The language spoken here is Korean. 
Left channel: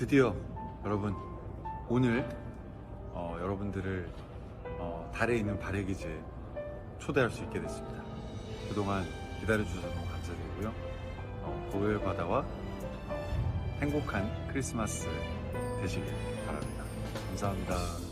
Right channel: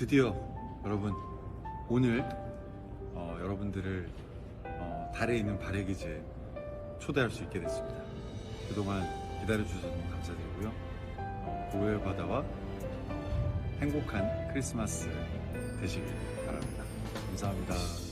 드디어 여러분 오늘 어, 여러분들을 어, 달에 있는 발해기지에 초대할 수 있게 됐습니다. 그동안 기다려주셔서 너무 감사드리고요. 어, 고요의 바다와 어, 행복한 크리스마스 되시길 바랍니다. 감사합니다.